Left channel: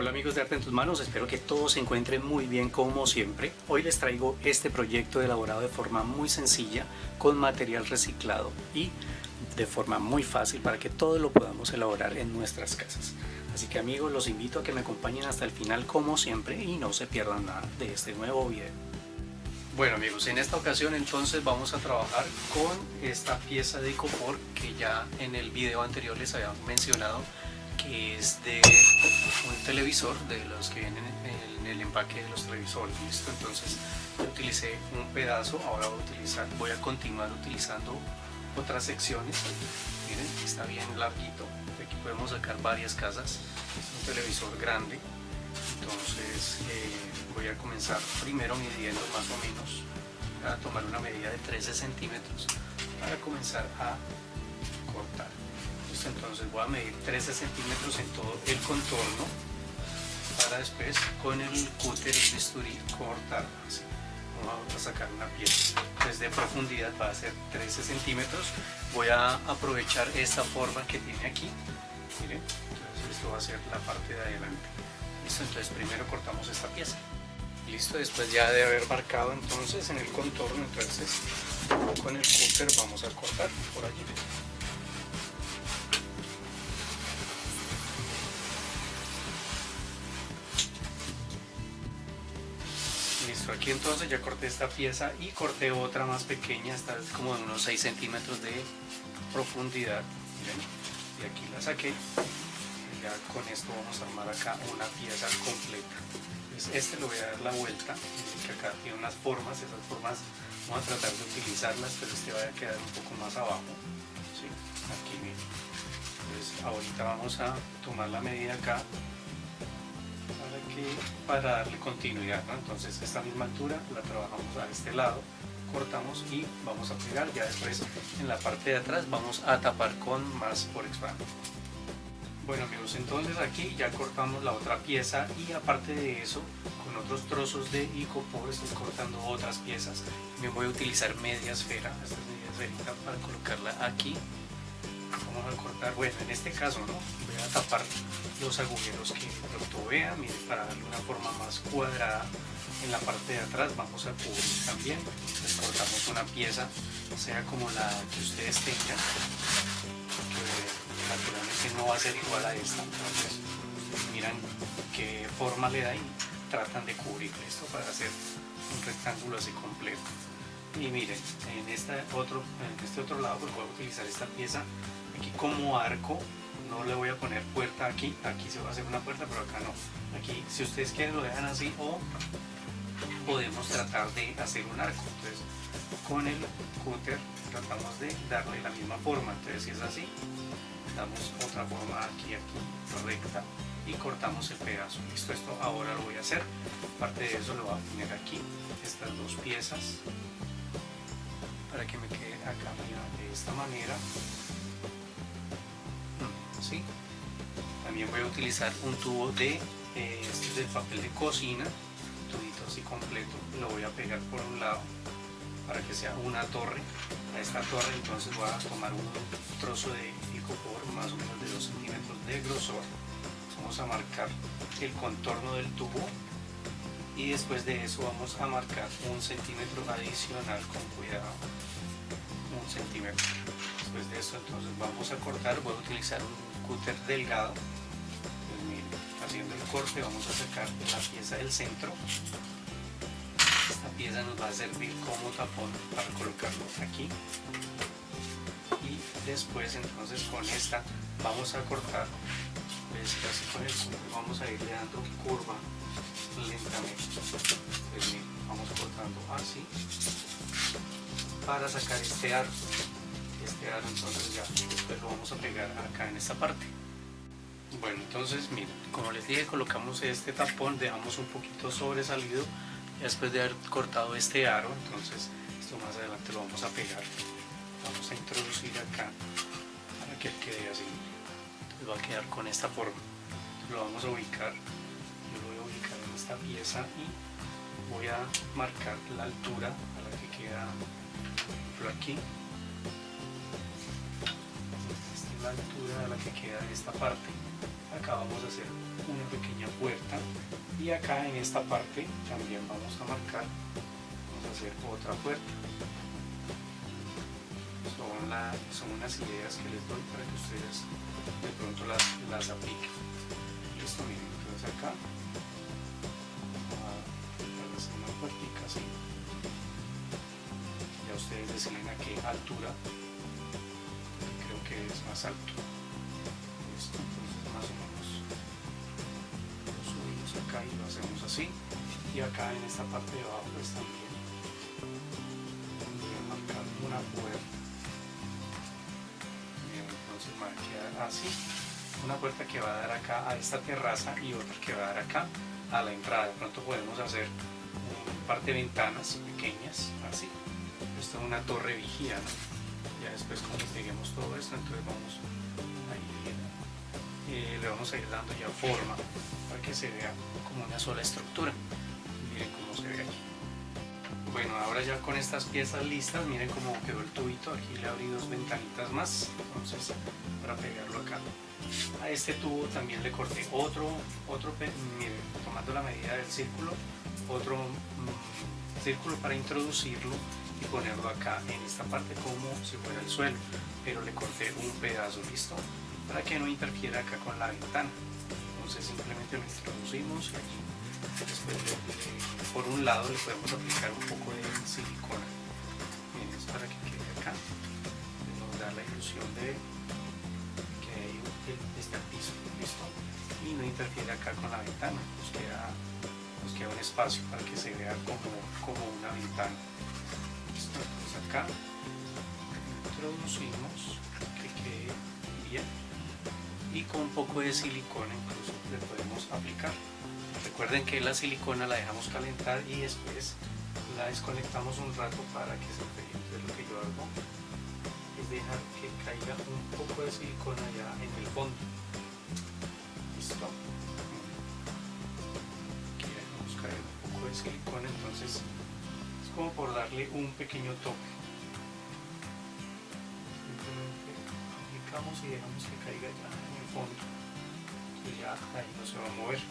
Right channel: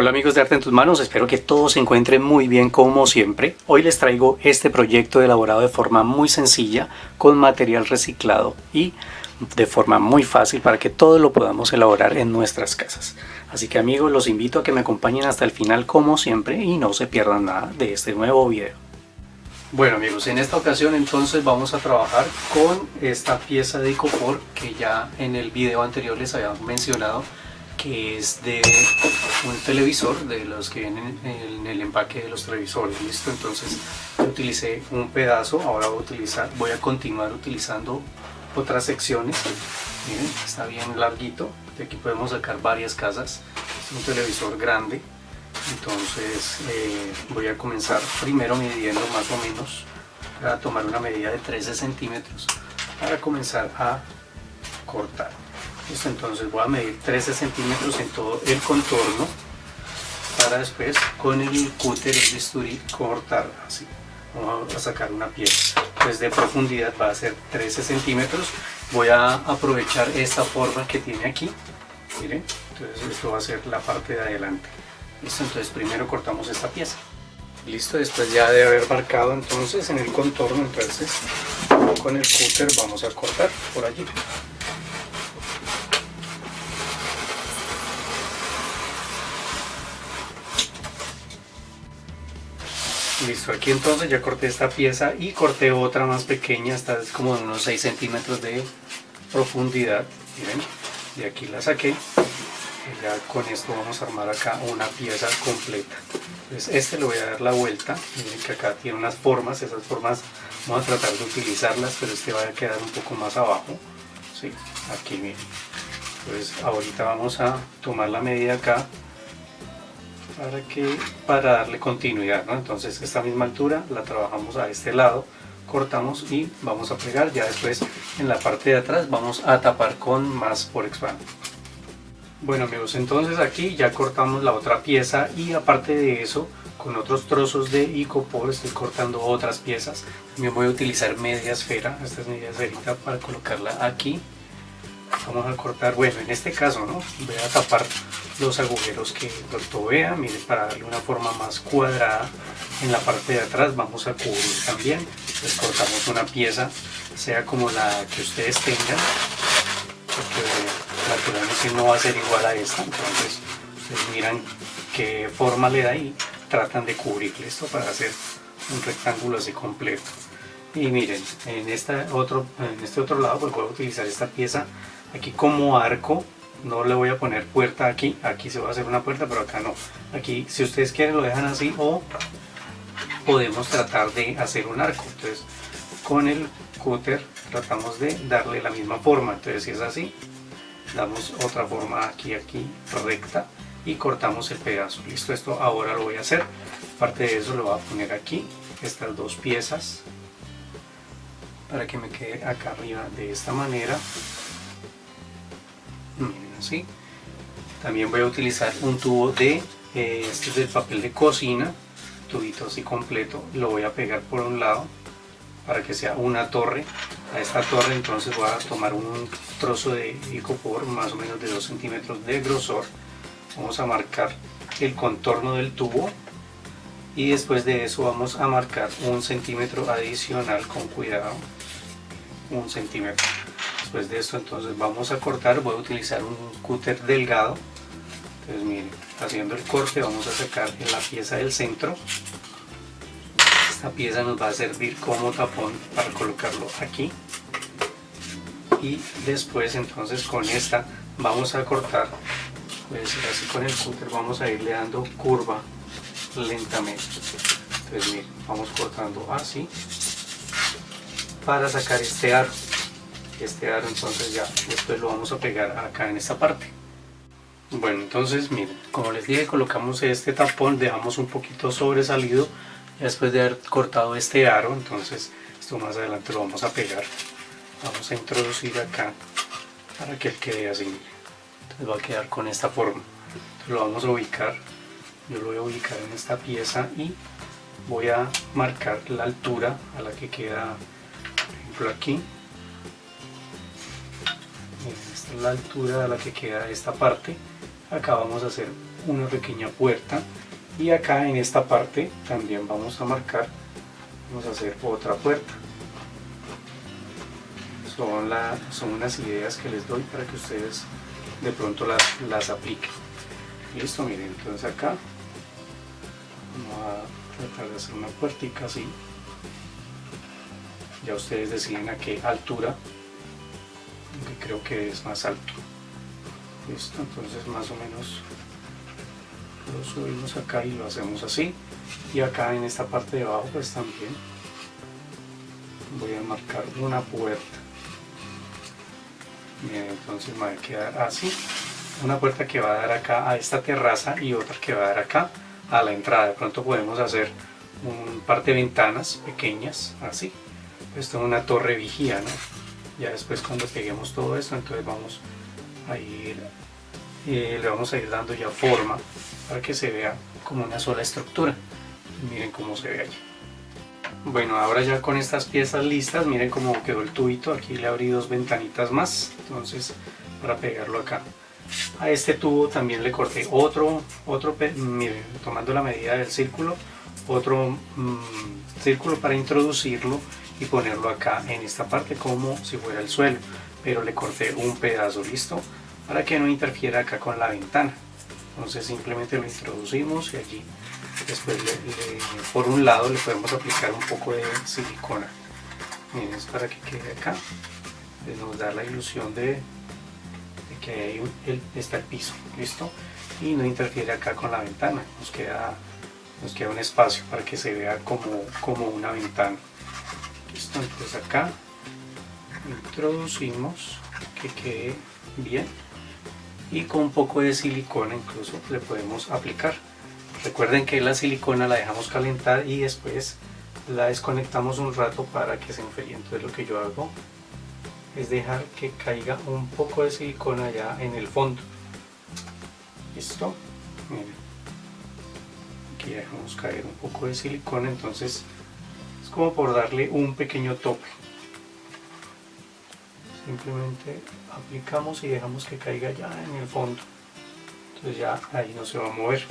Hola amigos de Arte en tus Manos, espero que todos se encuentren muy bien como siempre. Hoy les traigo este proyecto elaborado de forma muy sencilla, con material reciclado y de forma muy fácil para que todos lo podamos elaborar en nuestras casas. Así que amigos, los invito a que me acompañen hasta el final como siempre y no se pierdan nada de este nuevo video. Bueno amigos, en esta ocasión entonces vamos a trabajar con esta pieza de icopor que ya en el video anterior les había mencionado, que es de un televisor, de los que vienen en el empaque de los televisores. Listo, entonces yo utilicé un pedazo, ahora voy a continuar utilizando otras secciones. Miren, está bien larguito, de aquí podemos sacar varias casas. Es un televisor grande, entonces voy a comenzar primero midiendo más o menos, a tomar una medida de 13 centímetros para comenzar a cortar. Listo, entonces voy a medir 13 centímetros en todo el contorno para después con el cúter, el bisturí, cortar así. Vamos a sacar una pieza, pues de profundidad va a ser 13 centímetros. Voy a aprovechar esta forma que tiene aquí, miren, entonces esto va a ser la parte de adelante. Listo, entonces primero cortamos esta pieza. Listo, después ya de haber marcado entonces en el contorno, entonces con el cúter vamos a cortar por allí. Listo, aquí entonces ya corté esta pieza y corté otra más pequeña, esta es como de unos 6 centímetros de profundidad, miren, y aquí la saqué. Y ya con esto vamos a armar acá una pieza completa. Entonces este le voy a dar la vuelta, miren que acá tiene unas formas, esas formas vamos a tratar de utilizarlas, pero este va a quedar un poco más abajo, ¿sí? Aquí miren, pues ahorita vamos a tomar la medida acá, para darle continuidad, ¿no? Entonces esta misma altura la trabajamos a este lado, cortamos y vamos a pegar. Ya después en la parte de atrás vamos a tapar con más Forex Band. Bueno amigos, entonces aquí ya cortamos la otra pieza y aparte de eso, con otros trozos de icopor estoy cortando otras piezas. También voy a utilizar media esfera, esta es media esferita, para colocarla aquí. Vamos a cortar, bueno, en este caso, ¿no? Voy a tapar los agujeros que el producto vea, mire, para darle una forma más cuadrada. En la parte de atrás vamos a cubrir también. Les cortamos una pieza, sea como la que ustedes tengan, porque naturalmente no va a ser igual a esta. Entonces ustedes miran qué forma le da y tratan de cubrir esto para hacer un rectángulo así completo. Y miren, en este otro lado pues voy a utilizar esta pieza aquí como arco. No le voy a poner puerta aquí, aquí se va a hacer una puerta, pero acá no. Aquí si ustedes quieren lo dejan así, o podemos tratar de hacer un arco. Entonces con el cúter tratamos de darle la misma forma. Entonces si es así, damos otra forma aquí recta y cortamos el pedazo. Listo, esto ahora lo voy a hacer. Aparte de eso lo voy a poner aquí estas dos piezas para que me quede acá arriba de esta manera. ¿Sí? También voy a utilizar un tubo de este es del papel de cocina, tubito así completo, lo voy a pegar por un lado para que sea una torre. A esta torre entonces voy a tomar un trozo de icopor más o menos de 2 centímetros de grosor. Vamos a marcar el contorno del tubo y después de eso vamos a marcar 1 centímetro adicional con cuidado, 1 centímetro. Después de esto entonces vamos a cortar, voy a utilizar un cúter delgado. Entonces miren, haciendo el corte vamos a sacar la pieza del centro. Esta pieza nos va a servir como tapón para colocarlo aquí. Y después entonces con esta vamos a cortar, pues así con el cúter vamos a irle dando curva lentamente. Entonces miren, vamos cortando así para sacar este aro. Este aro entonces ya después lo vamos a pegar acá en esta parte. Bueno, entonces miren, como les dije, colocamos este tapón, dejamos un poquito sobresalido y después de haber cortado este aro, entonces esto más adelante lo vamos a pegar. Vamos a introducir acá para que quede así, entonces va a quedar con esta forma. Entonces lo vamos a ubicar, yo lo voy a ubicar en esta pieza y voy a marcar la altura a la que queda, por ejemplo aquí. Esta es la altura a la que queda esta parte. Acá vamos a hacer una pequeña puerta y acá en esta parte también vamos a marcar, vamos a hacer otra puerta. Son unas ideas que les doy para que ustedes de pronto las apliquen. Listo, miren, entonces acá vamos a tratar de hacer una puertica así. Ya ustedes deciden a qué altura, que creo que es más alto. Listo, entonces más o menos lo subimos acá y lo hacemos así. Y acá en esta parte de abajo pues también voy a marcar una puerta. Bien, entonces me va a quedar así, una puerta que va a dar acá a esta terraza y otra que va a dar acá a la entrada. De pronto podemos hacer un par de ventanas pequeñas así. Esto es una torre vigía, ¿no? Ya después cuando peguemos todo esto, entonces vamos a ir, le vamos a ir dando ya forma para que se vea como una sola estructura. Miren cómo se ve allí. Bueno, ahora ya con estas piezas listas, miren cómo quedó el tubito. Aquí le abrí dos ventanitas más, entonces para pegarlo acá. A este tubo también le corté otro miren, tomando la medida del círculo, otro círculo para introducirlo y ponerlo acá en esta parte como si fuera el suelo, pero le corté un pedazo, listo, para que no interfiera acá con la ventana. Entonces simplemente lo introducimos y allí después por un lado le podemos aplicar un poco de silicona. Miren, es para que quede acá, nos da la ilusión de que ahí está el piso, listo, y no interfiere acá con la ventana, nos queda un espacio para que se vea como una ventana. Listo, entonces acá introducimos que quede bien y con un poco de silicona incluso le podemos aplicar. Recuerden que la silicona la dejamos calentar y después la desconectamos un rato para que se enfríe. Entonces lo que yo hago es dejar que caiga un poco de silicona ya en el fondo. Listo, miren, aquí dejamos caer un poco de silicona, entonces es como por darle un pequeño toque. Simplemente aplicamos y dejamos que caiga ya en el fondo, entonces ya ahí no se va a mover.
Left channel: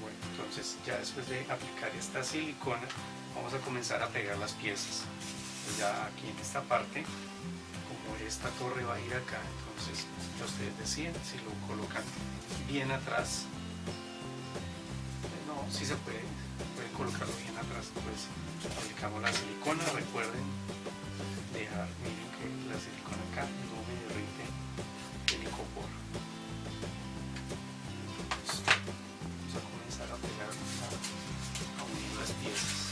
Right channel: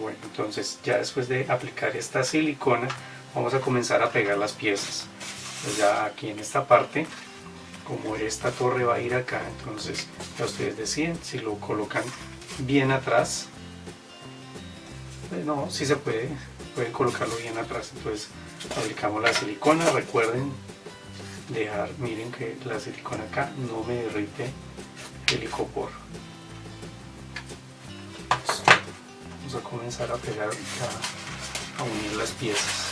Bueno, entonces ya después de aplicar esta silicona vamos a comenzar a pegar las piezas. Pues ya aquí en esta parte, como esta torre va a ir acá, entonces ya ustedes deciden si lo colocan bien atrás. No, sí se puede, pueden colocarlo bien atrás. Entonces aplicamos la silicona, recuerden dejar, miren que la silicona acá no me derrite el icopor. Vamos a comenzar a pegar, a unir las piezas.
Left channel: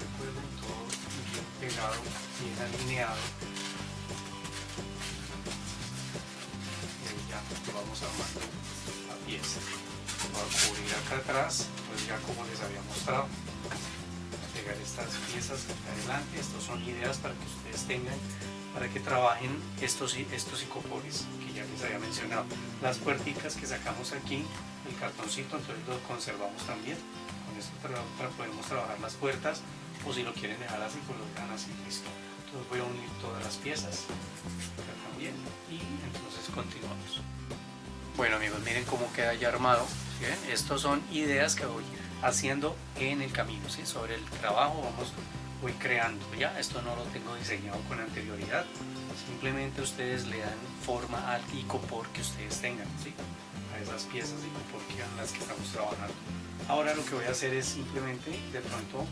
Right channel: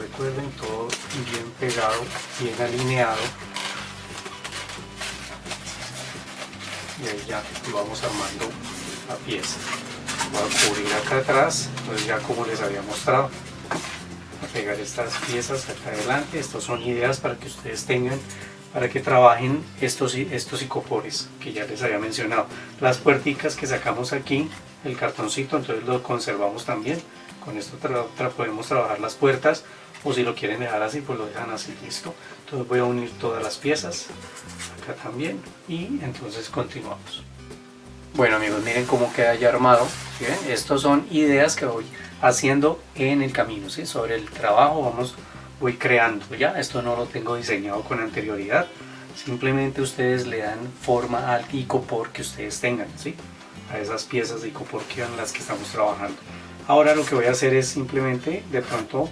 Recuerden, todo bien pegado, bien alineado, y ahí ya vamos armando la pieza. Voy a cubrir acá atrás, pues ya como les había mostrado, a pegar estas piezas acá adelante. Estas son ideas para que ustedes tengan, para que trabajen estos icopores que ya les había mencionado. Las puerticas que sacamos aquí, el cartoncito, entonces lo conservamos también. Con esto podemos trabajar las puertas, o si lo quieren dejar así, pues lo dejan así, listo. Entonces voy a unir todas las piezas acá también y entonces continuamos. Bueno amigos, miren cómo queda ya armado. ¿Sí ven? Estos son ideas que voy haciendo en el camino, ¿sí? Sobre el trabajo voy creando. Ya esto no lo tengo diseñado con anterioridad, simplemente ustedes le dan forma al icopor que ustedes tengan, ¿sí? A esas piezas de icopor que son las que estamos trabajando. Ahora lo que voy a hacer es simplemente de pronto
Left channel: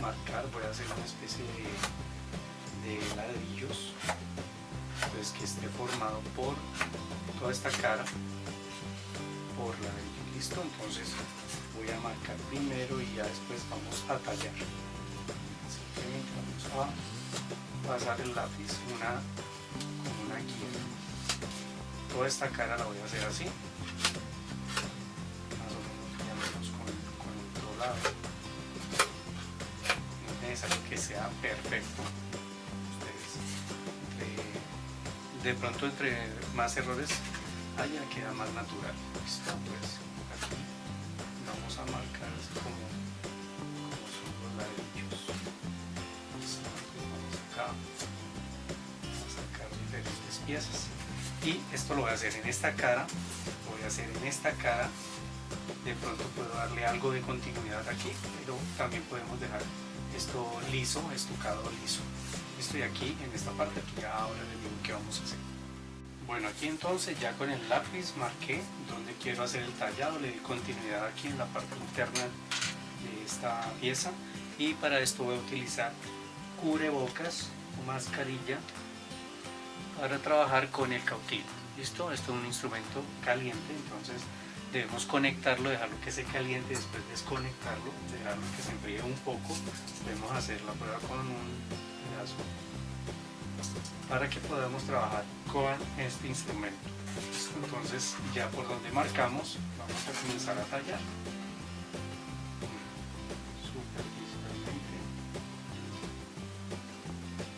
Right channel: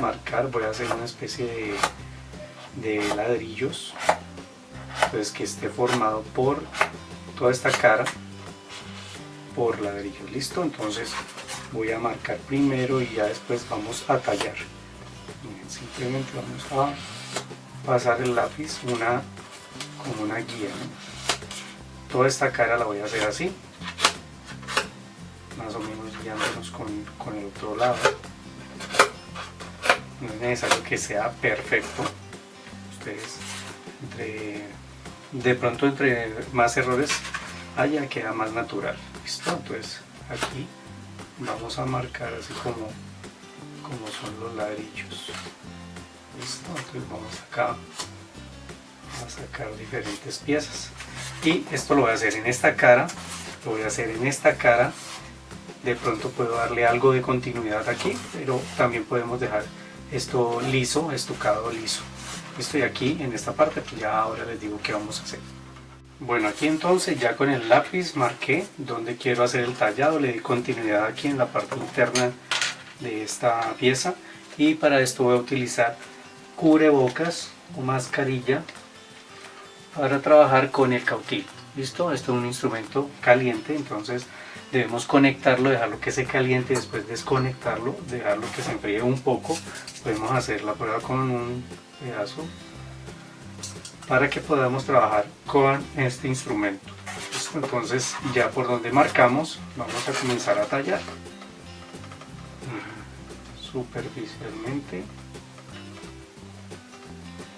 marcar, voy a hacer una especie de ladrillos, entonces que esté formado por toda esta cara por ladrillos. Listo, entonces voy a marcar primero y ya después vamos a tallar. Simplemente vamos a pasar el lápiz como una guía, ¿no? Toda esta cara la voy a hacer así, más o menos guiándonos con el otro lado. No es necesario que sea perfecto. Ustedes de pronto entre más errores haya, queda más natural. Listo, entonces aquí vamos a marcar así como son los ladrillos. Listo, entonces vamos acá a sacar diferentes piezas. Y esto lo voy a hacer en esta cara, lo voy a hacer en esta cara. De pronto puedo darle algo de continuidad aquí, pero también podemos dejar esto liso, estucado liso. Estoy aquí en esta parte, pues ya ahora les digo qué vamos a hacer. Bueno, aquí entonces ya con el lápiz marqué donde quiero hacer el tallado, le di continuidad aquí en la parte interna de esta pieza, y para esto voy a utilizar cubrebocas o mascarilla para trabajar con el cautil. ¿Listo? Esto es un instrumento caliente, entonces debemos conectarlo, dejarlo que se caliente, después desconectarlo, dejarlo que se enfríe un poco. Podemos hacer la prueba con un pedazo para que podamos trabajar con este instrumento. ¿Listo? Entonces ya por donde marcamos vamos a comenzar a tallar superficialmente,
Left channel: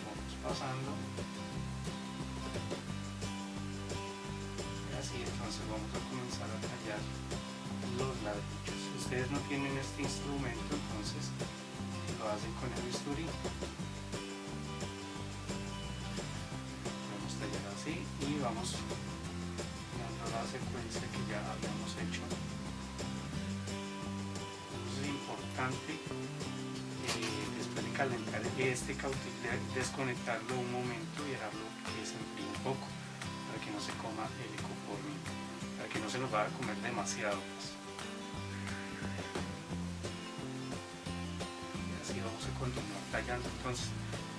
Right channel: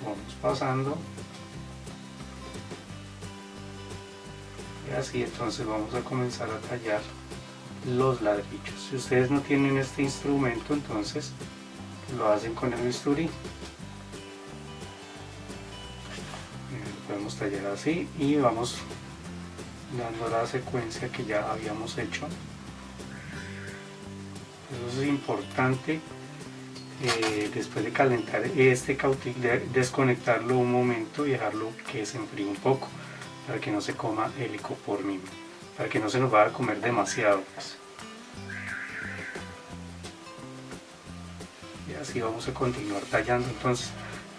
vamos pasando y así. Entonces vamos a comenzar a tallar los ladrillos. Si ustedes no tienen este instrumento, entonces lo hacen con el bisturí. Podemos tallar así y vamos dando la secuencia que ya habíamos hecho. Eso es importante, después de calentar este cautil, desconectarlo un momento y dejarlo que se enfríe un poco para que no se coma el icopor mismo, para que no se nos vaya a comer demasiado, pues. Y así vamos a continuar tallando entonces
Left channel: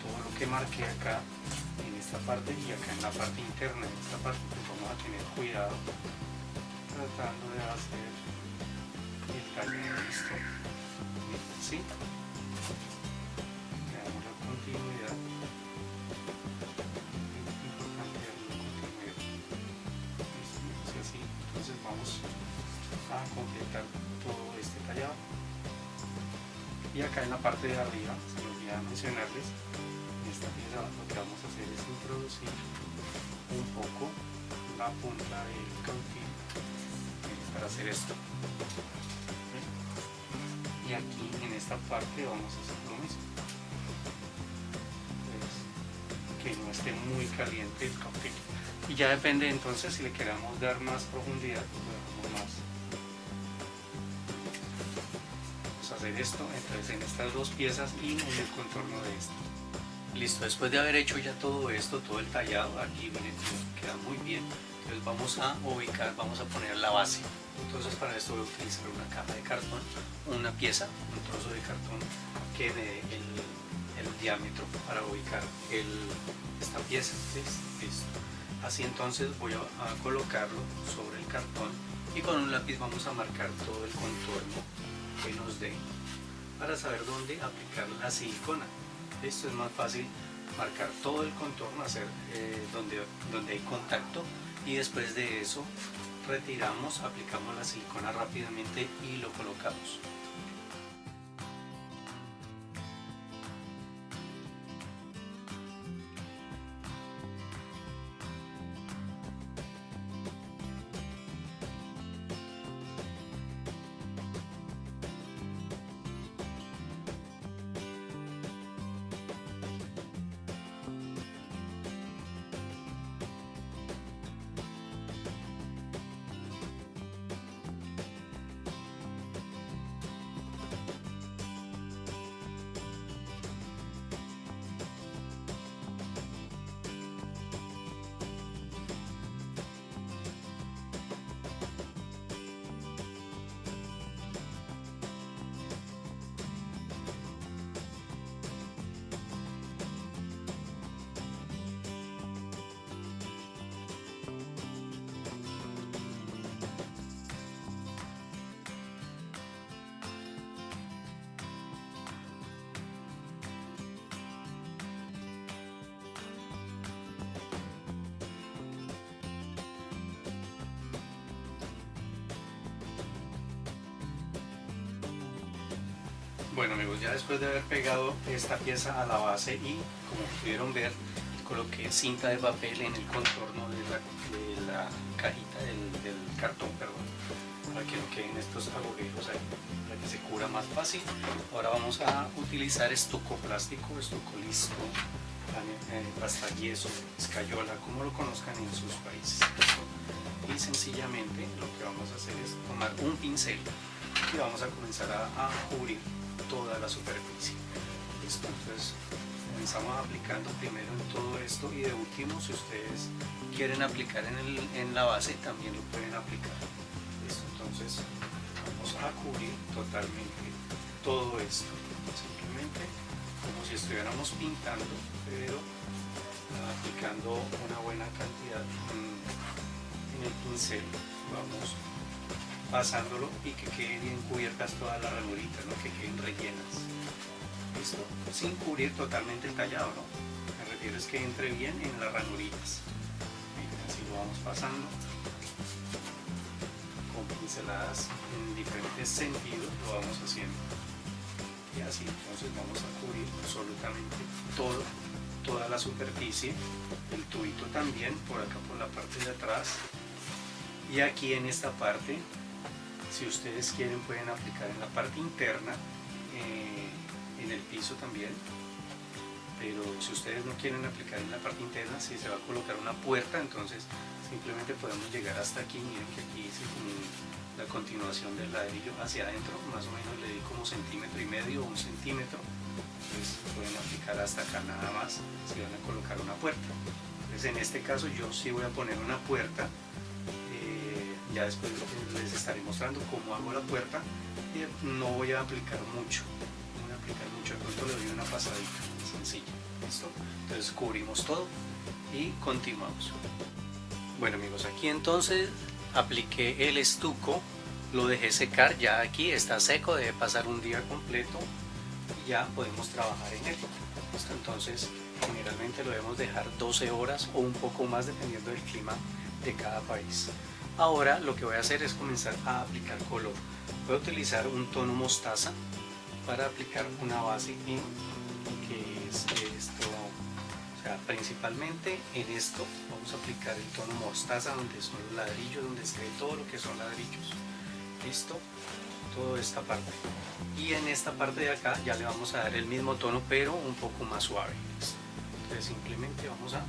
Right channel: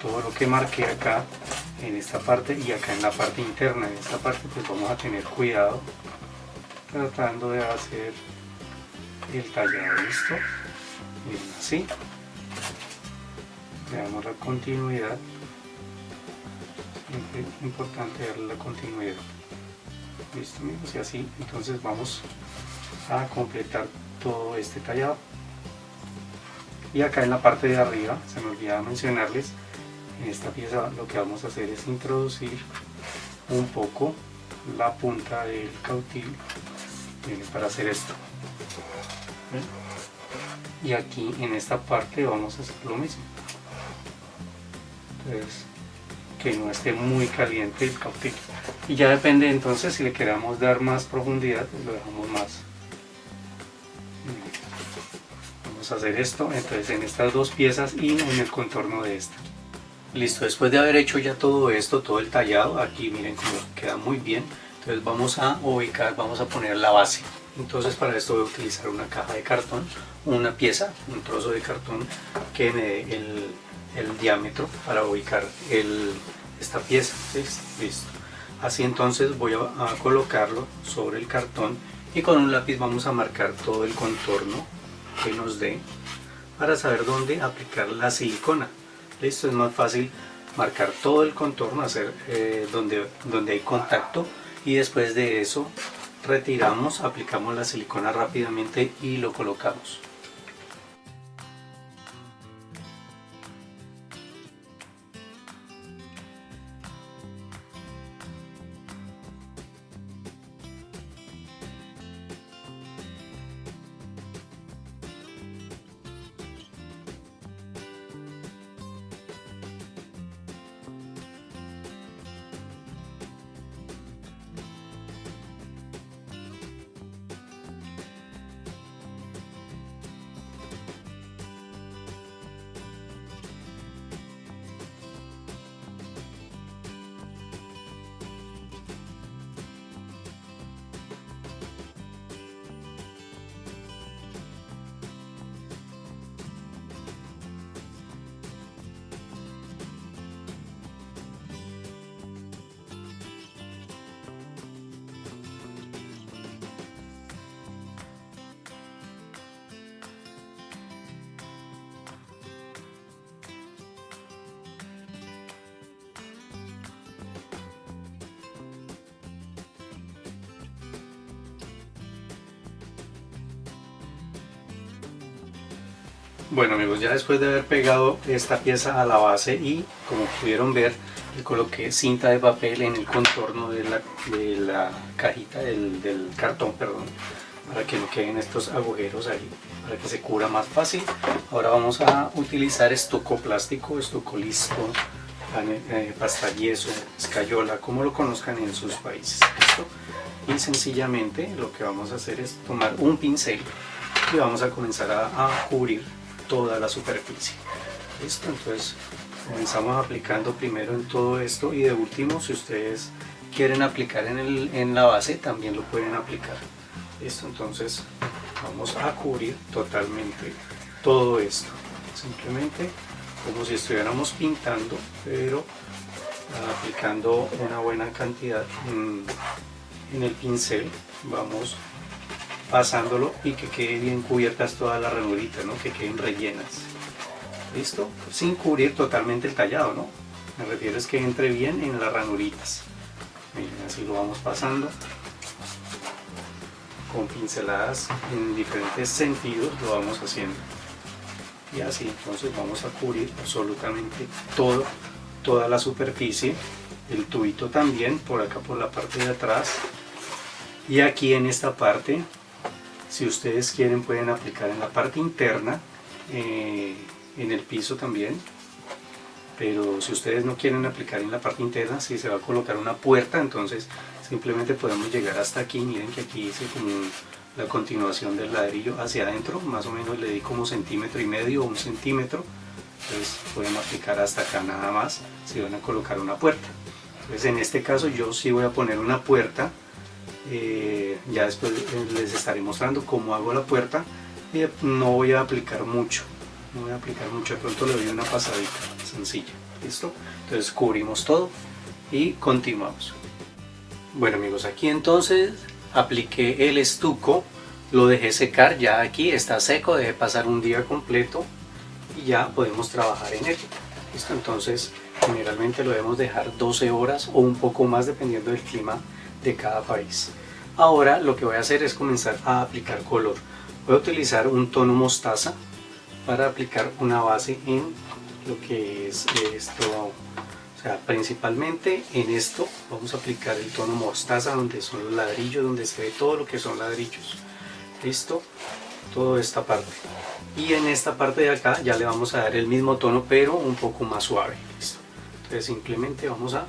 todo lo que marqué acá en esta parte y acá en la parte interna. En esta parte pues vamos a tener cuidado tratando de hacer el tallado. Listo, bien, así le damos la continuidad. Es importante darle la continuidad. Listo, y así entonces vamos a completar todo este tallado. Y acá en la parte de arriba se me olvidaba mencionarles, en esta pieza lo que vamos a hacer es introducir un poco la punta del cautil para hacer esto. Y aquí en esta parte vamos a hacer lo mismo. Entonces, que no esté muy caliente el cautil. Y ya depende entonces, si le queramos dar más profundidad, pues lo dejamos más. Vamos a hacer esto entonces en estas dos piezas y en el contorno de esta. Listo, después de haber hecho ya todo esto, todo el tallado, aquí miren cómo queda muy bien. Entonces vamos a ubicar, vamos a poner la base. Entonces para esto voy a utilizar una caja de cartón, una pieza, un trozo de cartón que me dé el diámetro para ubicar esta pieza. Listo. Así entonces voy a colocarlo sobre el cartón y con un lápiz vamos a marcar todo el contorno que nos dé para saber dónde aplicar la silicona. Listo, es más fácil marcar todo el contorno, hacer donde hay contacto, y después de eso retiramos, aplicamos la silicona rápidamente y lo colocamos. Bueno amigos, ya después de haber pegado esta pieza a la base y como pudieron ver, le coloqué cinta de papel en el contorno de la cajita del cartón, perdón, para que no queden estos agujeros ahí, para que se cubra más fácil. Ahora vamos a utilizar estuco plástico, estuco listo, pasta yeso, escayola, como lo conozcan en sus países. ¿Listo? Y sencillamente lo que vamos a hacer es tomar un pincel y vamos a comenzar a cubrir toda la superficie. ¿Listo? Entonces comenzamos aplicando primero en todo esto y de último, si ustedes quieren aplicar en la base, también lo pueden aplicar. ¿Listo? Entonces vamos a cubrir totalmente todo esto, simplemente como si estuviéramos pintando, pero aplicando una buena cantidad en el pincel. Vamos pasándolo y que quede bien cubiertas todas las ranuritas, ¿no? Que queden rellenas. ¿Listo? Sin cubrir totalmente el tallado, ¿no? Me refiero es que entre bien en las ranuritas. Miren, así lo vamos pasando con pinceladas en diferentes sentidos, lo vamos haciendo. Y así entonces vamos a cubrir absolutamente toda la superficie, el tubito también, por acá por la parte de atrás. Y aquí en esta parte, si ustedes quieren, pueden aplicar en la parte interna, en el piso también. Pero si ustedes no quieren aplicar en la parte interna, si se va a colocar una puerta, entonces simplemente podemos llegar hasta aquí. Miren que aquí hice como la continuación del ladrillo hacia adentro, más o menos le di como 1,5 centímetros o 1 centímetro. Entonces pueden aplicar hasta acá nada más si van a colocar una puerta. Entonces en este caso yo sí voy a poner una puerta. Ya después les estaré mostrando cómo hago la puerta. No voy a aplicar mucho, de pronto le doy una pasadita sencilla. ¿Listo? Entonces cubrimos todo y continuamos. Bueno amigos, aquí entonces apliqué el estuco, lo dejé secar, ya aquí está seco, dejé pasar un día completo y ya podemos trabajar en él. ¿Listo? Entonces generalmente lo debemos dejar 12 horas o un poco más dependiendo del clima de cada país. Ahora lo que voy a hacer es comenzar a aplicar color. Voy a utilizar un tono mostaza para aplicar una base en lo que es esto, o sea, principalmente en esto vamos a aplicar el tono mostaza, donde son los ladrillos, donde se ve todo lo que son ladrillos. ¿Listo? Toda esta parte. Y en esta parte de acá ya le vamos a dar el mismo tono, pero un poco más suave. ¿Listo? Entonces simplemente vamos a,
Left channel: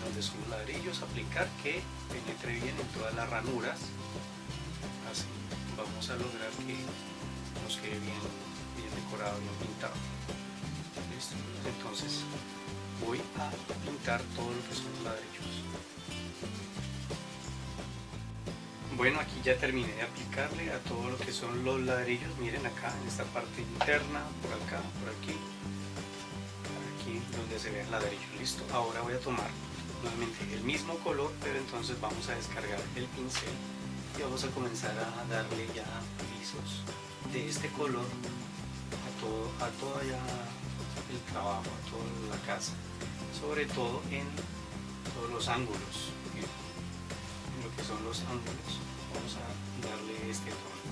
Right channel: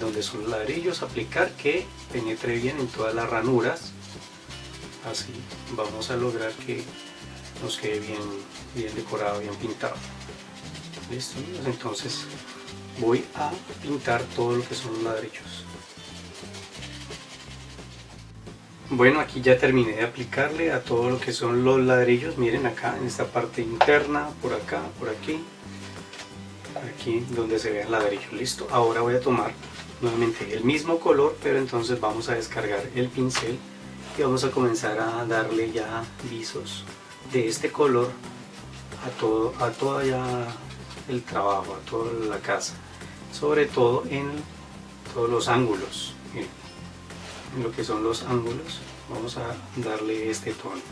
donde son los ladrillos, aplicar que penetre bien en todas las ranuras. Así vamos a lograr que nos quede bien decorado, bien pintado. ¿Listo? Entonces voy a pintar todo lo que son los ladrillos. Bueno, aquí ya terminé de aplicarle a todo lo que son los ladrillos. Miren acá en esta parte interna, por acá, por aquí donde se ve el ladrillo. Listo. Ahora voy a tomar nuevamente el mismo color, pero entonces vamos a descargar el pincel y vamos a comenzar a darle ya visos de este color a todo ya el trabajo, a toda la casa, sobre todo en todos los ángulos. En lo que son los ángulos vamos a darle este tono.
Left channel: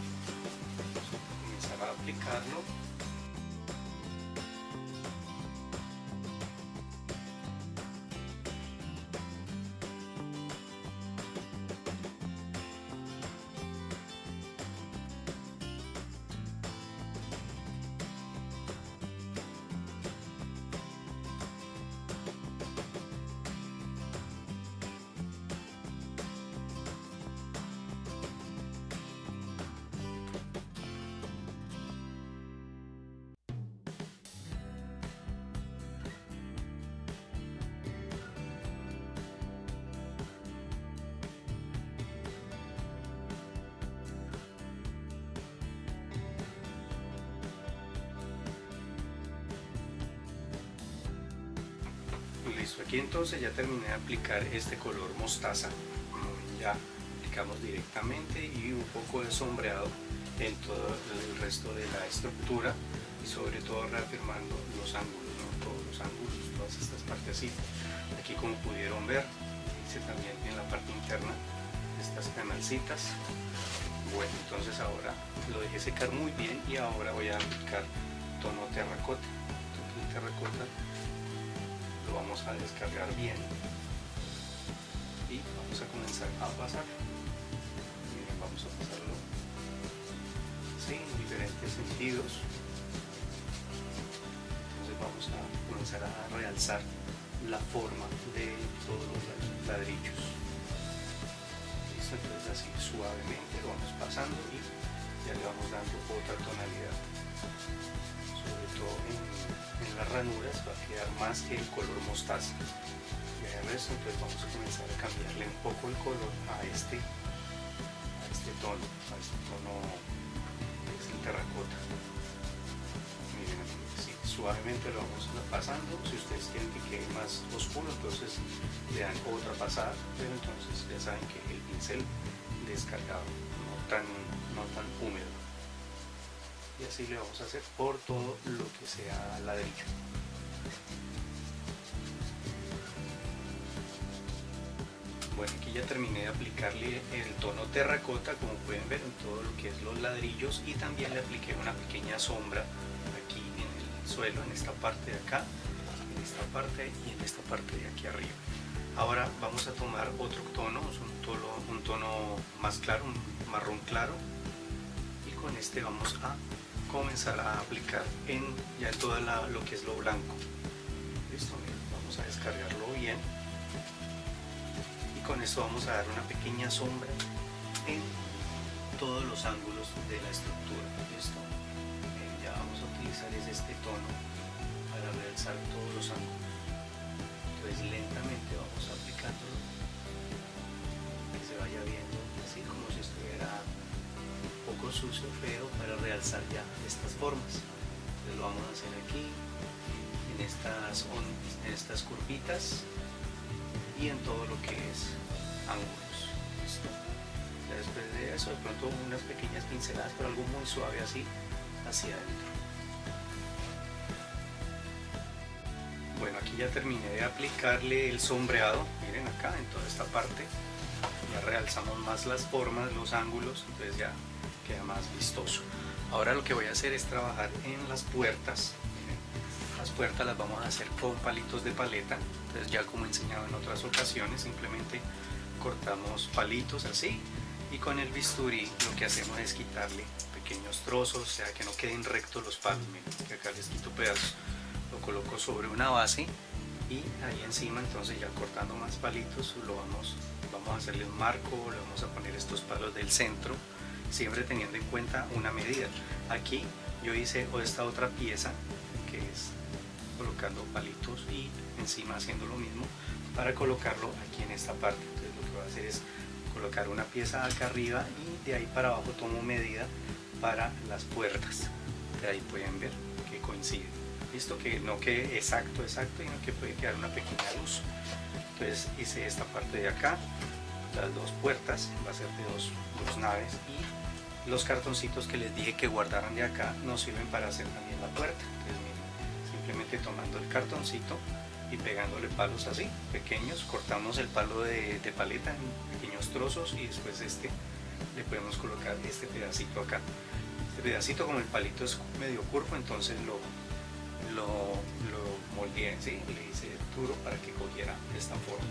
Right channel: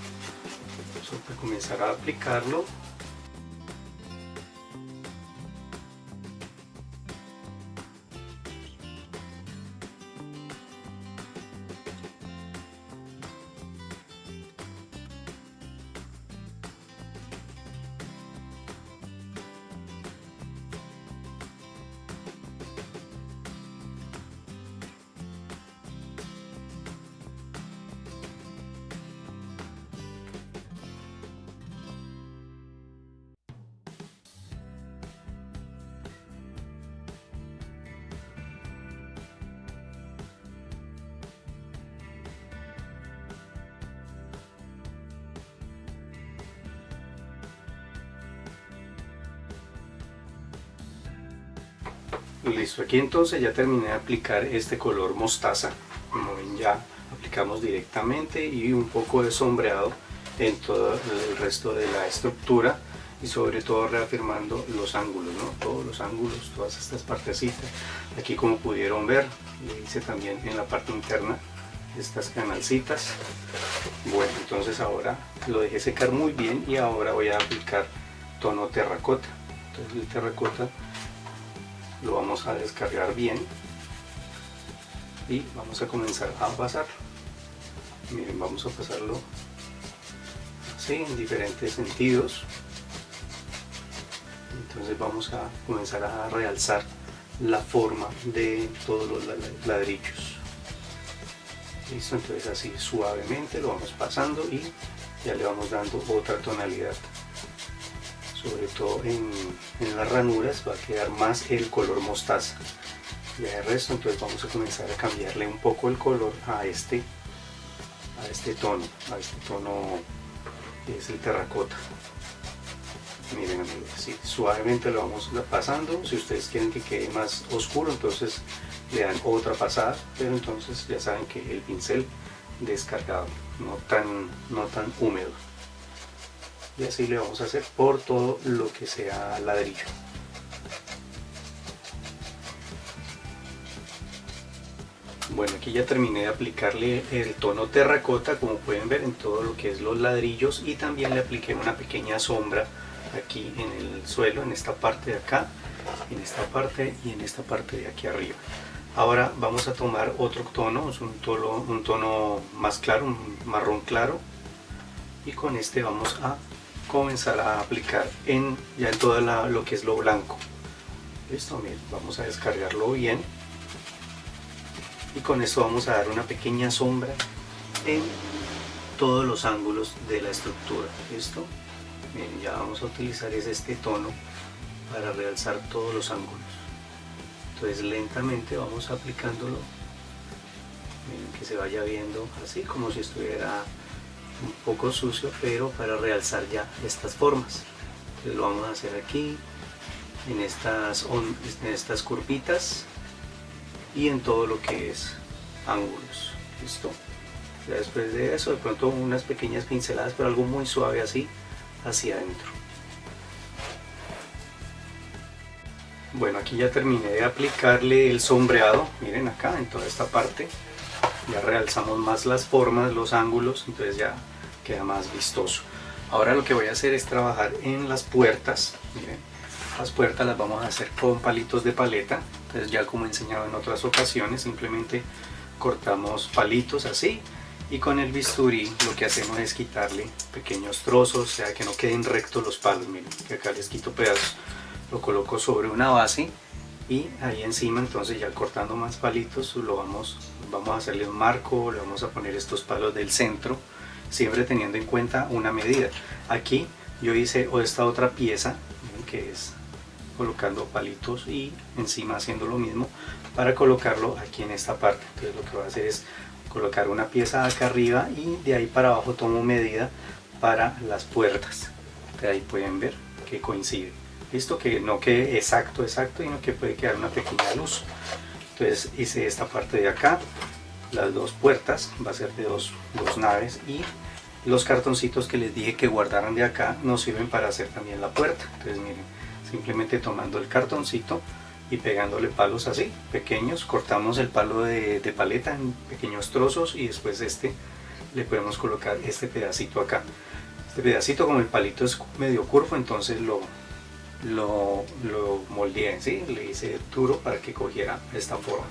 Vamos a comenzar a aplicarlo. Listo, aquí entonces ya terminé de aplicar este color mostaza. Como ven, ya aplicamos directamente y un poco de sombreado en todo el resto de la estructura y sobre todo reafirmando los ángulos, ¿no? Todos los ángulos, todas estas partecitas. Aquí, como pudieron ver, hice también en la parte interna estas canalcitas. Bueno, entonces ahora lo dejé secar muy bien y ahora voy a aplicar tono terracota. Entonces el terracota lo vamos a descargar bien y vamos a comenzar a pasar. Miren, vamos a pasarlo así en diferentes sentidos. Entonces entonces vamos a comenzar a realzar la forma de todos los ladrillos. Listo, entonces así suavemente lo vamos pasando y ya le vamos dando otra tonalidad. Sobre todo en las ranuras va a quedar más el color mostaza. Ya el resto, entonces vamos a comenzar a cambiarle un poco el color a este tono que es el terracota. Miren amigos, así suavemente lo vamos pasando. Si ustedes quieren que quede más oscuro, entonces le dan otra pasada, pero entonces ya saben que el pincel descargado, no tan húmedo. Y así le vamos a hacer por todo lo que sea ladrillo. Bueno, aquí ya terminé de aplicarle el tono terracota, como pueden ver, en todo lo que es los ladrillos, y también le apliqué una pequeña sombra aquí en el suelo, en esta parte de acá, en esta parte y en esta parte de aquí arriba. Ahora vamos a tomar otro tono, es un tono más claro, un marrón claro, y con este vamos a comenzar a aplicar ya en todo lo que es lo blanco. Listo, miren, vamos a descargarlo bien. Y con esto vamos a dar una pequeña sombra en todos los ángulos de la estructura. ¿Listo? Bien, ya vamos a utilizar este tono para realzar todos los ángulos. Entonces lentamente vamos aplicándolo, que se vaya viendo así como si estuviera un poco sucio, pero para realzar ya estas formas. Entonces lo vamos a hacer aquí, en estas curvitas, y en todo lo que es ángulos. Listo. Ya después de eso, de pronto unas pequeñas pinceladas, pero algo muy suave así hacia adentro. Bueno, aquí ya terminé de aplicarle el sombreado. Miren acá en toda esta parte ya realzamos más las formas, los ángulos, entonces ya queda más vistoso. Ahora lo que voy a hacer es trabajar en las puertas. Miren, las puertas las vamos a hacer con palitos de paleta. Entonces ya como he enseñado en otras ocasiones, simplemente cortamos palitos así, y con el bisturí lo que hacemos es quitarle pequeños trozos, o sea que no queden rectos los palos. Miren que acá les quito pedazos, lo coloco sobre una base y ahí encima, entonces ya cortando más palitos vamos a hacerle un marco, le vamos a poner estos palos del centro, siempre teniendo en cuenta una medida. Aquí yo hice esta otra pieza que es colocando palitos y encima haciendo lo mismo para colocarlo aquí en esta parte. Entonces lo que voy a hacer es colocar una pieza acá arriba y de ahí para abajo tomo medida para las puertas. De ahí pueden ver que coincide. Listo, que no quede exacto, sino que puede quedar una pequeña luz. Entonces hice esta parte de acá, las dos puertas, va a ser de dos naves, y los cartoncitos que les dije que guardaran de acá nos sirven para hacer también la puerta. Entonces miren, simplemente tomando el cartoncito y pegándole palos así, pequeños, cortamos el palo de paleta en pequeños trozos, y después le podemos colocar este pedacito acá. Este pedacito, como el palito es medio curvo, entonces lo moldeé, ¿sí? Le hice duro para que cogiera esta forma.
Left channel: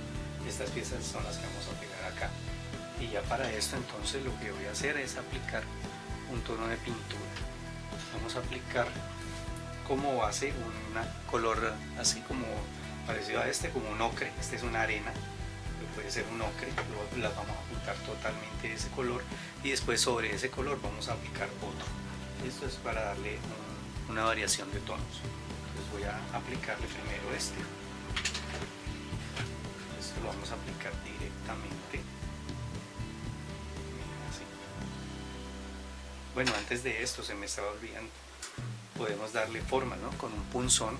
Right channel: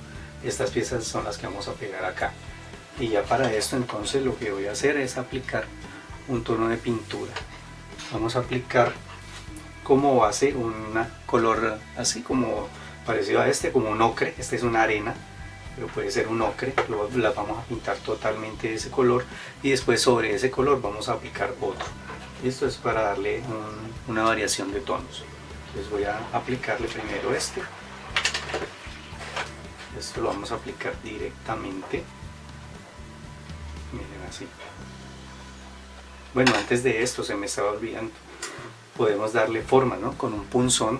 Estas piezas son las que vamos a pegar acá. Y ya para esto entonces lo que voy a hacer es aplicar un tono de pintura. Vamos a aplicar como base un color así como parecido a como un ocre. Este es una arena, pero puede ser un ocre. La vamos a pintar totalmente de ese color, y después sobre ese color vamos a aplicar otro. Esto es para darle una variación de tonos. Entonces voy a aplicarle primero esto lo vamos a aplicar directamente. Miren así. Bueno, antes de esto se me estaba olvidando, podemos darle forma, ¿no? Con un punzón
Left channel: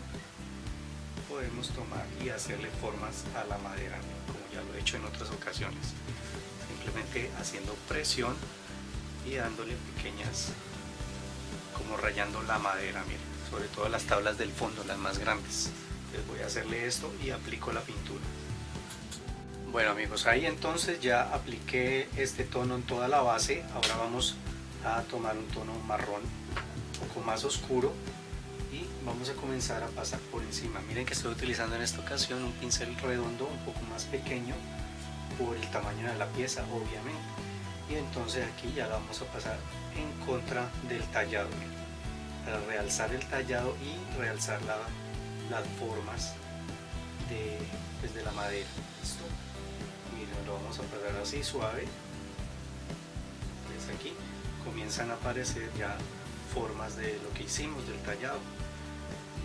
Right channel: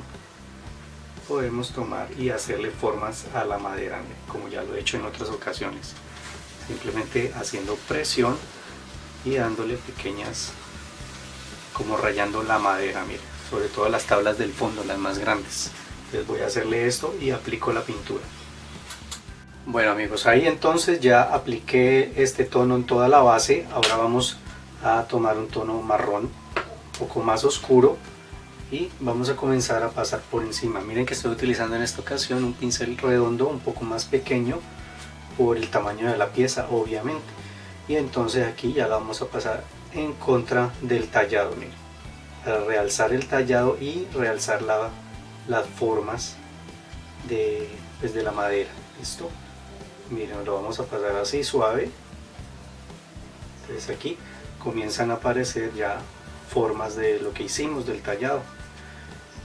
podemos tomar y hacerle formas a la madera, como ya lo he hecho en otras ocasiones, simplemente haciendo presión y dándole pequeñas, como rayando la madera, miren, sobre todo las tablas del fondo, las más grandes. Entonces voy a hacerle esto y aplico la pintura. Bueno amigos, ahí entonces ya apliqué este tono en toda la base. Ahora vamos a tomar un tono marrón, un poco más oscuro, y vamos a comenzar a pasar por encima. Miren que estoy utilizando en esta ocasión un pincel redondo, un poco más pequeño por el tamaño de la pieza, obviamente. Y entonces aquí ya la vamos a pasar en contra del tallado, miren, para realzar el tallado y realzar las formas de, pues, de la madera. ¿Listo? Miren, lo vamos a pasar así suave. Entonces aquí comienzan a aparecer ya formas de lo que hicimos, del tallado.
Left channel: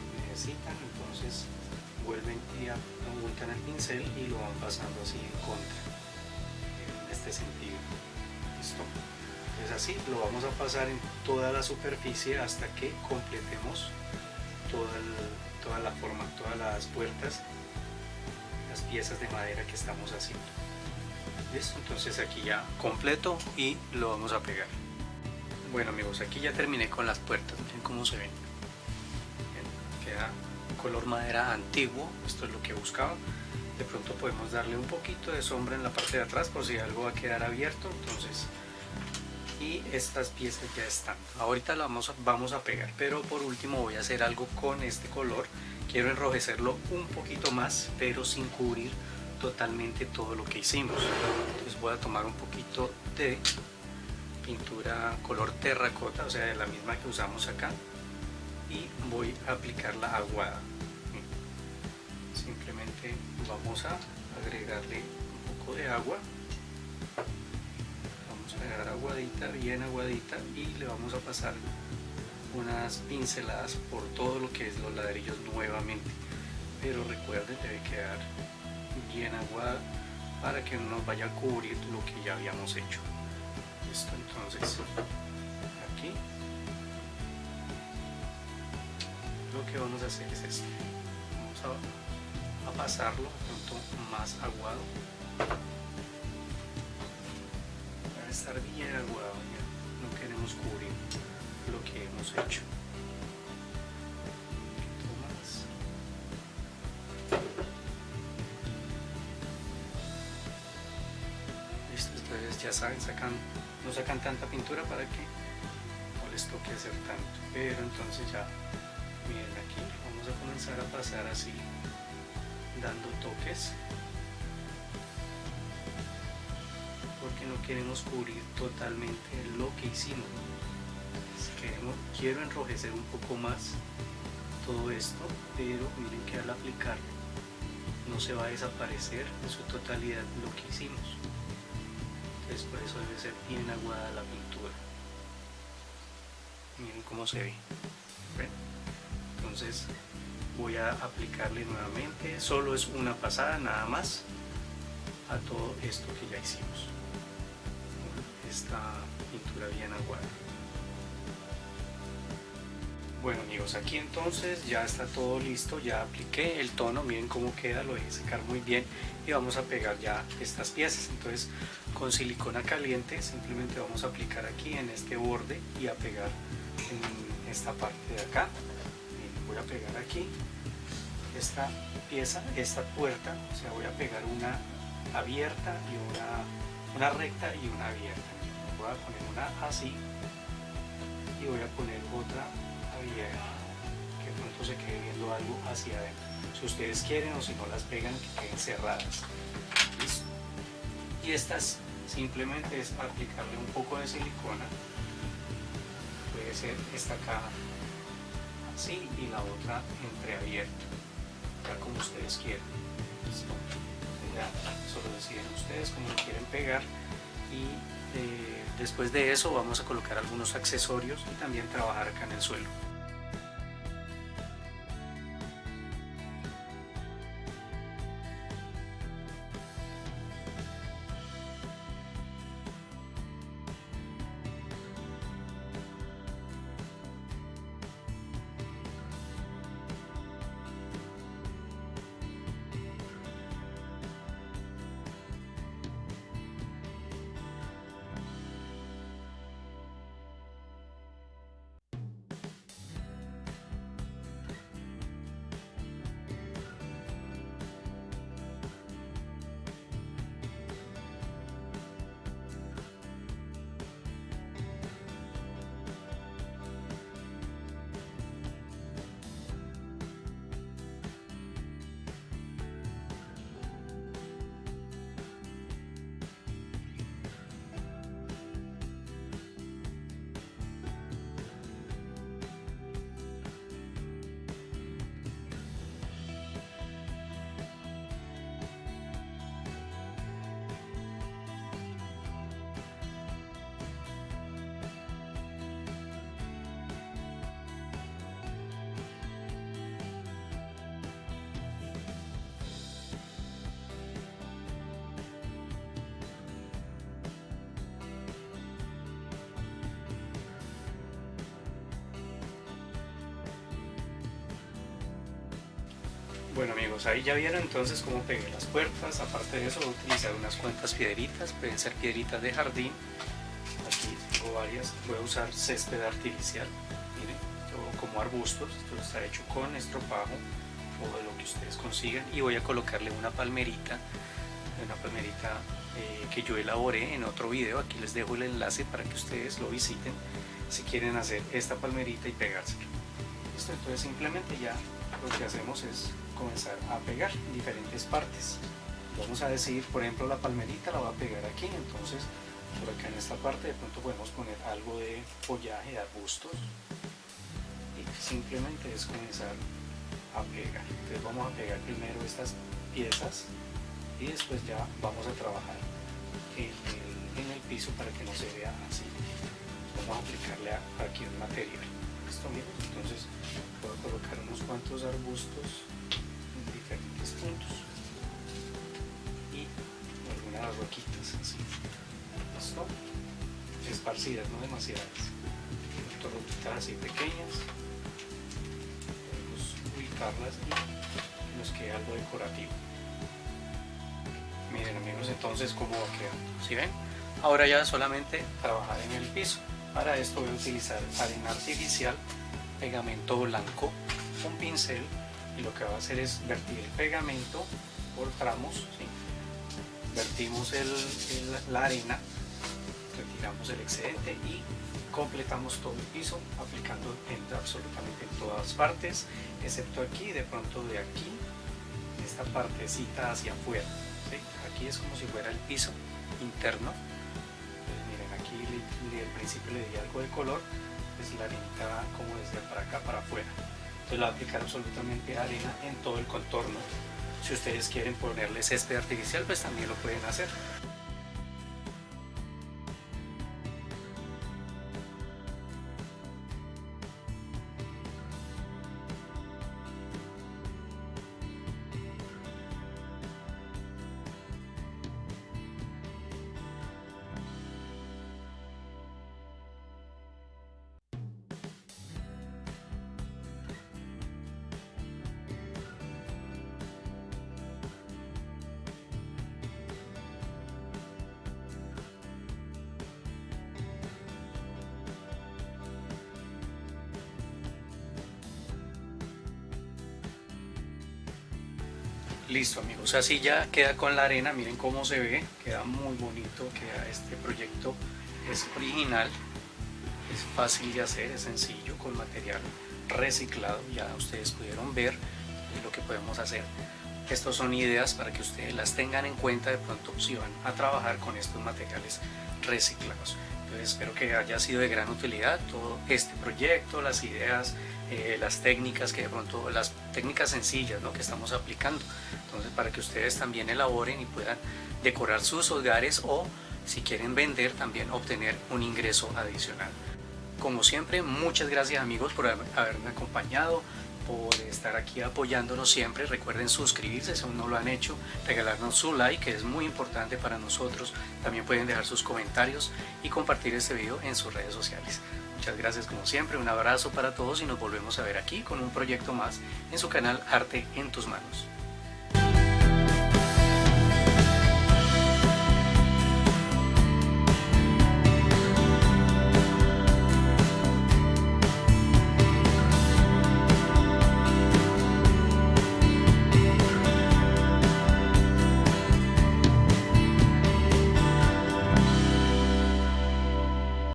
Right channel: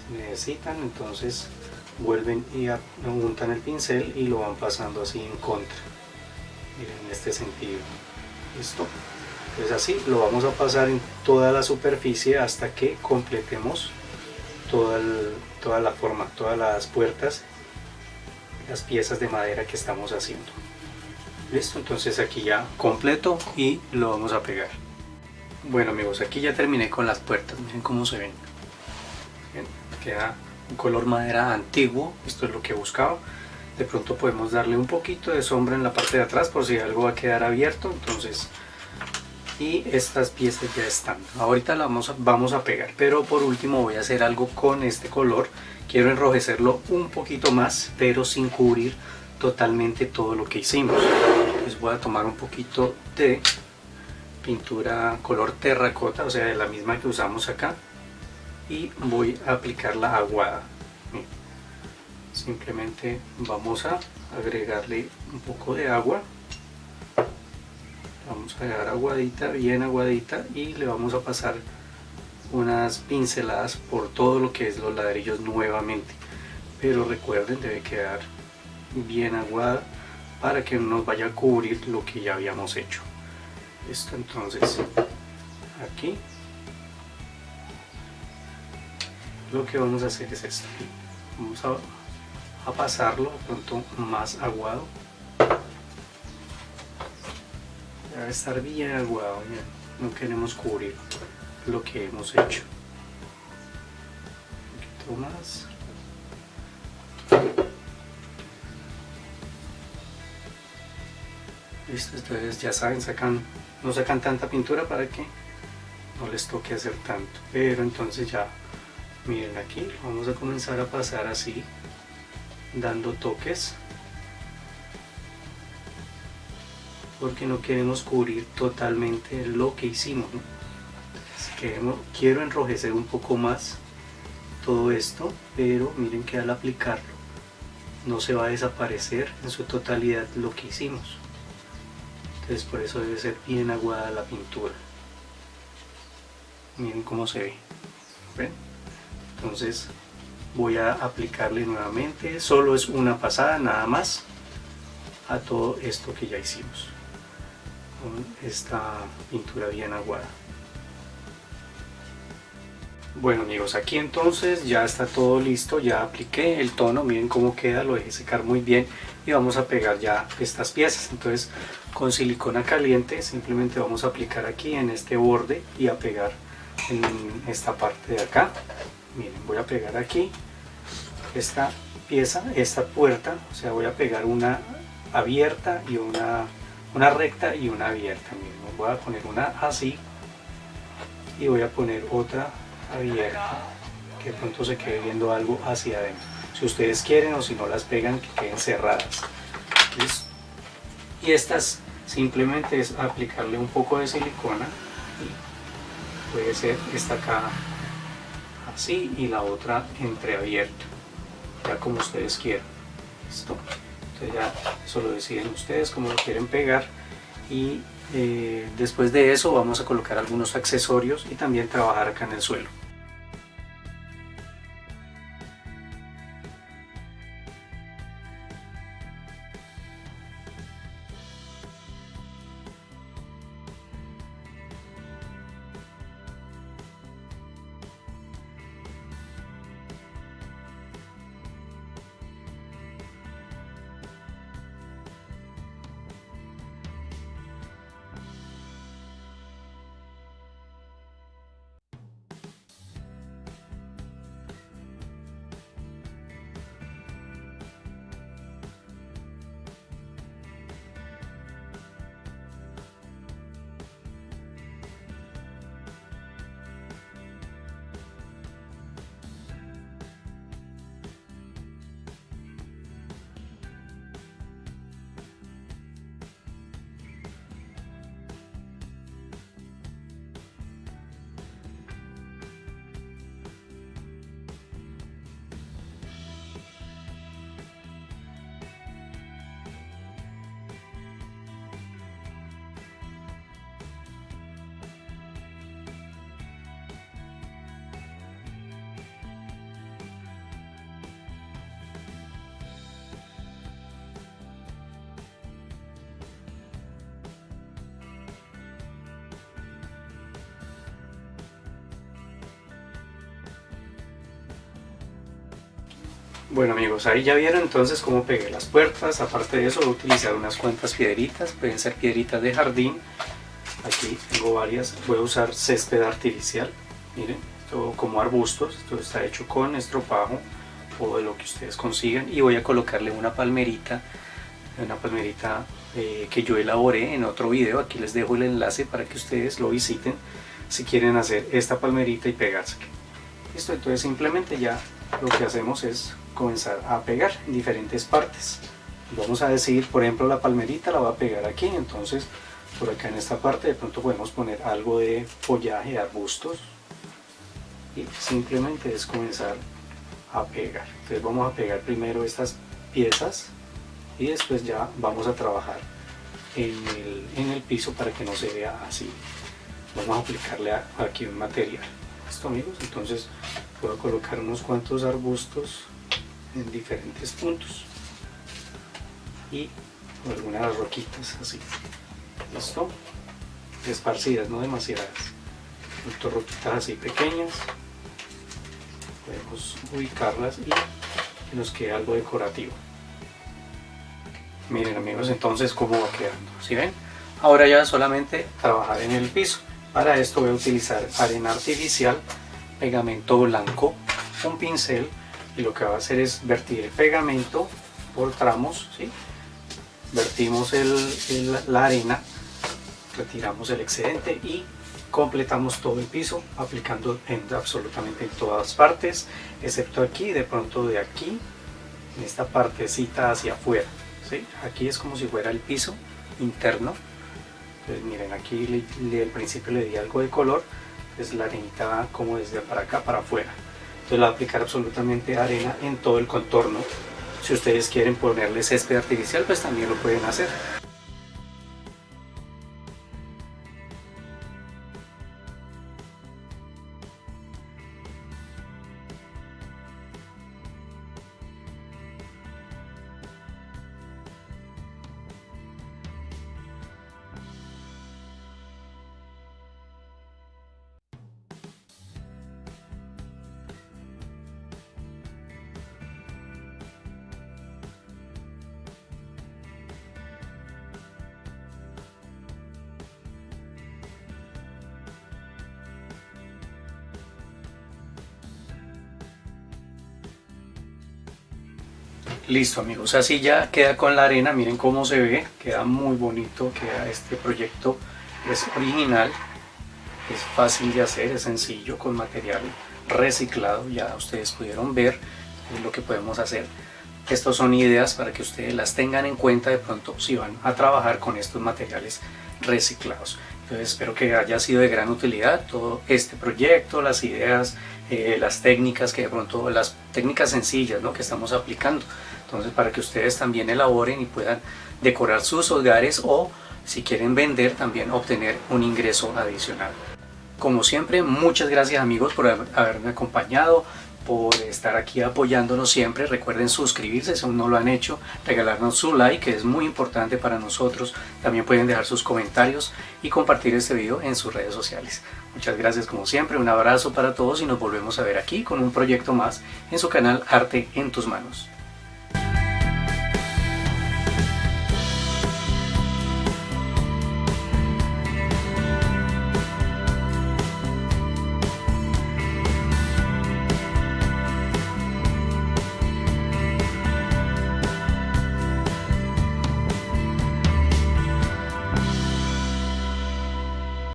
Si necesitan, entonces vuelven y untan el pincel y lo van pasando así en contra, en este sentido. ¿Listo? Entonces así lo vamos a pasar en toda la superficie hasta que completemos toda la forma, todas las puertas, las piezas de madera que estamos haciendo. Listo, entonces aquí ya completo y lo vamos a pegar. Bueno amigos, aquí ya terminé con las puertas, miren cómo se ven. Bien, queda un color madera antiguo, esto es lo que buscaba. De pronto podemos darle un poquito de sombra en la parte de atrás por si algo va a quedar abierto. Entonces, y estas piezas ya están. Ahorita la vamos a pegar, pero por último voy a hacer algo con este color. Quiero enrojecerlo un poquito más, pero sin cubrir totalmente todo lo que hicimos. Entonces voy a tomar un poquito de pintura color terracota, o sea, de la misma que usamos acá, y voy a aplicarla aguada. Simplemente vamos a agregarle un poco de agua. Vamos a dejar aguadita, bien aguadita, y le vamos a pasar unas pinceladas por todo lo que es los ladrillos nuevamente. Pero recuerden, debe quedar bien aguada para que no nos vaya a cubrir lo que ya habíamos hecho. Listo, entonces aquí lo que vamos a hacer es esto. Vamos a pasarlo de pronto más aguado. Debe estar bien aguado, ya no queremos cubrir lo que hemos hecho. Un poquito más. Listo, entonces ya saben, no sacan tanta pintura para que no les toque hacer tanto. Pero entonces ya, miren aquí, vamos a comenzar a pasar así, dando toques, porque no queremos cubrir totalmente lo que hicimos, ¿no? Quiero enrojecer un poco más todo esto, pero miren que al aplicarlo no se va a desaparecer en su totalidad lo que hicimos. Entonces por eso debe ser bien aguada la pintura. Miren cómo se ve. ¿Ven? Entonces voy a aplicarle nuevamente, solo es una pasada nada más a todo esto que ya hicimos con esta pintura bien aguada. Bueno amigos, aquí entonces ya está todo listo, ya apliqué el tono, miren cómo queda, lo dejé secar muy bien y vamos a pegar ya estas piezas. Entonces con silicona caliente simplemente vamos a aplicar aquí en este borde y a pegar en esta parte de acá. Miren, voy a pegar aquí esta pieza, esta puerta, o sea, voy a pegar una abierta y una recta y una abierta. Miren, voy a poner una así y voy a poner otra abierta, que de pronto se quede viendo algo hacia adentro. Si ustedes quieren, o si no las pegan, que queden cerradas. ¿Listo? Y estas simplemente es aplicarle un poco de silicona, y puede ser esta acá así y la otra entreabierta, ya como ustedes quieran. ¿Listo? Entonces ya solo deciden ustedes cómo lo quieren pegar, y después de eso vamos a colocar algunos accesorios y también trabajar acá en el suelo. Bueno amigos, ahí ya vieron entonces cómo pegué las puertas. Aparte de eso voy a utilizar unas cuantas piedritas, pueden ser piedritas de jardín. Aquí tengo varias, voy a usar césped artificial, miren, esto como arbustos, esto está hecho con estropajo o de lo que ustedes consigan, y voy a colocarle una palmerita que yo elaboré en otro video. Aquí les dejo el enlace para que ustedes lo visiten si quieren hacer esta palmerita y pegársela. Listo, entonces simplemente ya lo que hacemos es comenzar a pegar en diferentes partes. Vamos a decir, por ejemplo, la palmerita la voy a pegar aquí, entonces por acá en esta parte de pronto podemos poner algo de follaje, arbustos, y simplemente es comenzar a pegar. Entonces vamos a pegar primero estas piezas y después ya vamos a trabajar en el piso para que no se vea así. Vamos a aplicarle aquí un material. ¿Listo amigos? Entonces voy a colocar unos cuantos arbustos en diferentes puntos y algunas roquitas así. ¿Listo? Esparcidas, no demasiadas. Roquitas así pequeñas. Podemos ubicarlas y que nos quede algo decorativo. Miren amigos, entonces cómo va quedando. ¿Sí ven? Ahora ya solamente trabajar en el piso. Para esto voy a utilizar arena artificial, pegamento blanco, un pincel, y lo que va a hacer es vertir el pegamento por tramos, ¿sí? Vertimos la arena, retiramos el excedente y completamos todo el piso aplicando absolutamente en todas partes, excepto aquí, de pronto de aquí, en esta partecita hacia afuera, ¿sí? Aquí es como si fuera el piso interno. Entonces miren, aquí al principio le di algo de color, es la arenita va como desde para acá para afuera. Entonces le voy a aplicar absolutamente arena en todo el contorno. Si ustedes quieren ponerle césped artificial, pues también lo pueden hacer. Listo amigos, así ya queda con la arena. Miren cómo se ve, queda muy bonito, queda este proyecto, es original, es fácil de hacer, es sencillo, con material reciclado. Ya ustedes pudieron ver lo que podemos hacer. Estas son ideas para que ustedes las tengan en cuenta de pronto si van a trabajar con estos materiales reciclados. Entonces espero que haya sido de gran utilidad todo este proyecto, las ideas, las técnicas que de pronto, las técnicas sencillas, ¿no?, que estamos aplicando. Entonces para que ustedes también elaboren y puedan decorar sus hogares, o si quieren vender también obtener un ingreso adicional. Como siempre, muchas gracias amigos por haberme acompañado, por estar aquí apoyándonos siempre. Recuerden suscribirse si aún no lo han hecho, regalarnos su like, que es muy importante para nosotros. También pueden dejar sus comentarios y compartir este video en sus redes sociales. Muchas gracias como siempre, un abrazo para todos y nos volvemos a ver aquí con un proyecto más en su canal Arte en tus Manos.